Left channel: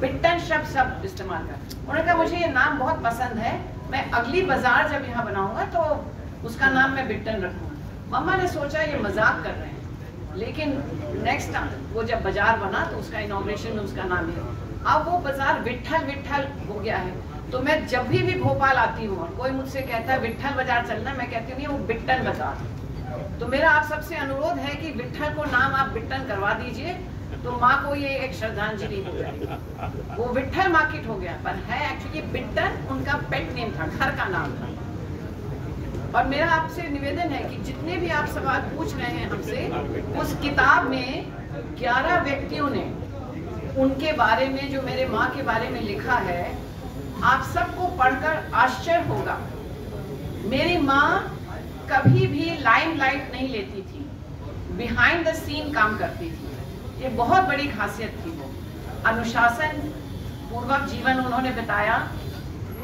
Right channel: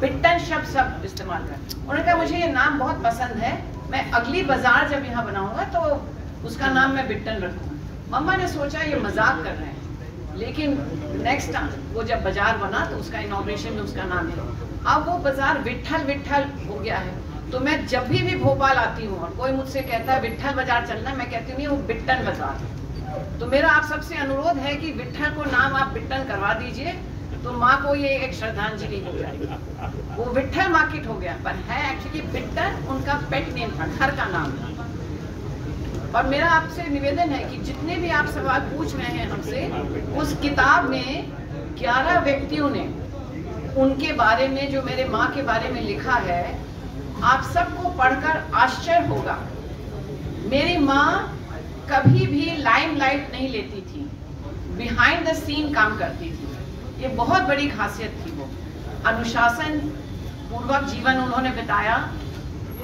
बिट्टन शब्द सब इस्तेमाल कर। उन्होंने कहा मुझे ये नाम बहुत पसंद है, मैं अगली बाजार जब यहाँ बनाऊंगा तो उसका नाम मैं बिट्टन रखूंगा। मम्मा ने सोचा ये मजाक कर रहे हैं, लेकिन नेक्स्ट टाइम वो जब बाजार बना तो उसका इनॉग्रेशन में उसका नाम है। अब वो बाजार विट्ठल विट्ठल हो गया है। तो मैं जब भी भोपाल आती हूँ और कोई मुझसे कहता है विट्ठल बाजार चलना, मैं कहती हूँ नहीं, वो बिट्टन बाजार। तो मेरा आप सबसे अनुरोध है कि विट्ठल को नाम आप बिट्टन करवा दीजिए, तो माँ को ये एक श्रद्धांजलि हो जाएगी। वो विट्ठल मार्केट हो गया, पर है एक्चुअली बिट्टन उनका पेट नेम था, घर का नाम था। और मेरा आपसे निवेदन है कि जितने भी आप सवाल पूछ रहे हैं हमसे, उस किताब में 11 व्यक्तियों ने उनके बारे में, जो मेरे माँ के बारे में लिखा है, आप सबको पढ़कर आश्चर्य होगा। मेरी माँ कभी भी लाइमलाइट नहीं लेती थी, बिहाइंड द सीन काम करती थी। ये बहुत बड़ी खासियत थी। वो अनुशासन पूर्वक जीवन उन्होंने बिताया।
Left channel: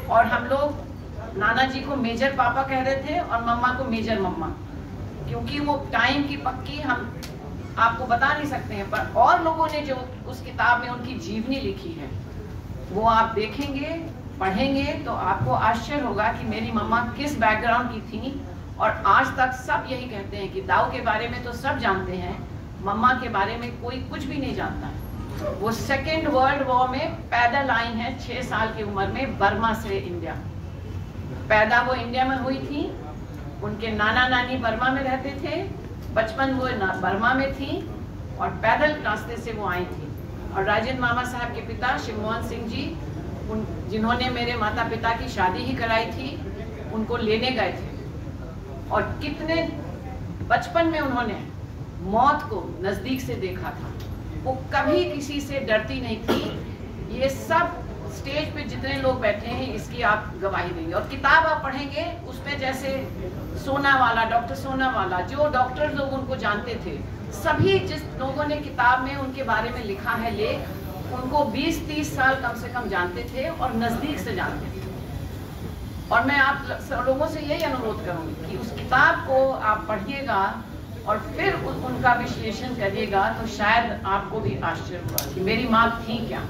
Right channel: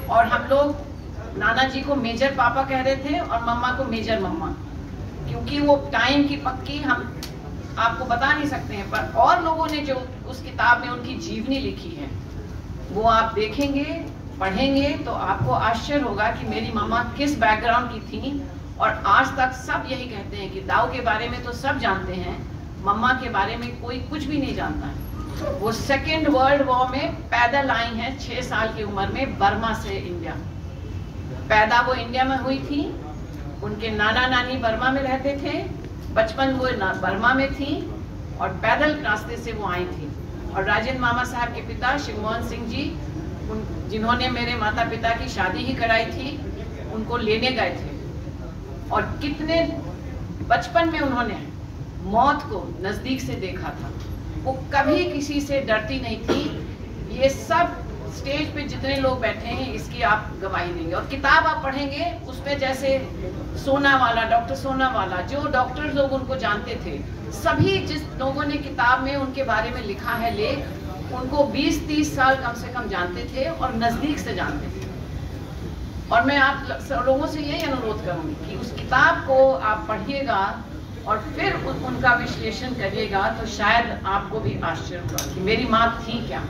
और हम लोग नाना जी को मेजर पापा कह रहे थे और मम्मा को मेजर मम्मा, क्योंकि वो टाइम की पक्की हम आपको बता नहीं सकते हैं। पर और लोगों ने जो उस किताब में उनकी जीवनी लिखी है, वो आप देखेंगे, पढ़ेंगे तो आपको आश्चर्य होगा कि मेरी मम्मा किस बैकग्राउंड की थी। और आज तक सब यही कहते हैं कि दाऊ के बारे में तो सब जानते हैं, मम्मा के बारे में कोई कुछ भी नहीं जानता है। वो सेकेंड वर्ल्ड वॉर में पैदल आई हैं 6 साल की उम्र में, बर्मा से इंडिया। पैदा वो इंडिया में हुई थी, उनके नाना नानी बर्मा में रहते थे, बचपन वो बर्मा में थी और पैदल रास्ते से वो आई थी। और राजेंद्र मामा साहब के पिता शिवमोहन सिंह जी, जिन्होंने मेरे माता पिता की शादी ही कराई थी, उनको लेने गए थे। और कितने बचपन में उन्होंने मौत को नजदीक से देखा था। वो कभी किसी से डरती नहीं थी। ये सब स्टेज पे जितने लोग बैठे हैं, इसकी आप गवाही देंगे। और किताब आप पढ़ेंगे, उसमें जैसे सोनावाला, डॉक्टर सोनावाला, जो डॉक्टर लोग उनको जानते थे, सभी जिस लोगों ने किताब में उनके बारे में लिखा है लेख, उनको 20-30 साल कम से कम जानते थे और नजदीक से जानते थे। और मैं आप लोगों से यही अनुरोध करूंगी कि उस किताब को आप पढ़िएगा और फिर उनका विश्लेषण करिएगा, तो शायद आपको भी आश्चर्य होगा कि मेरी माँ थी क्या।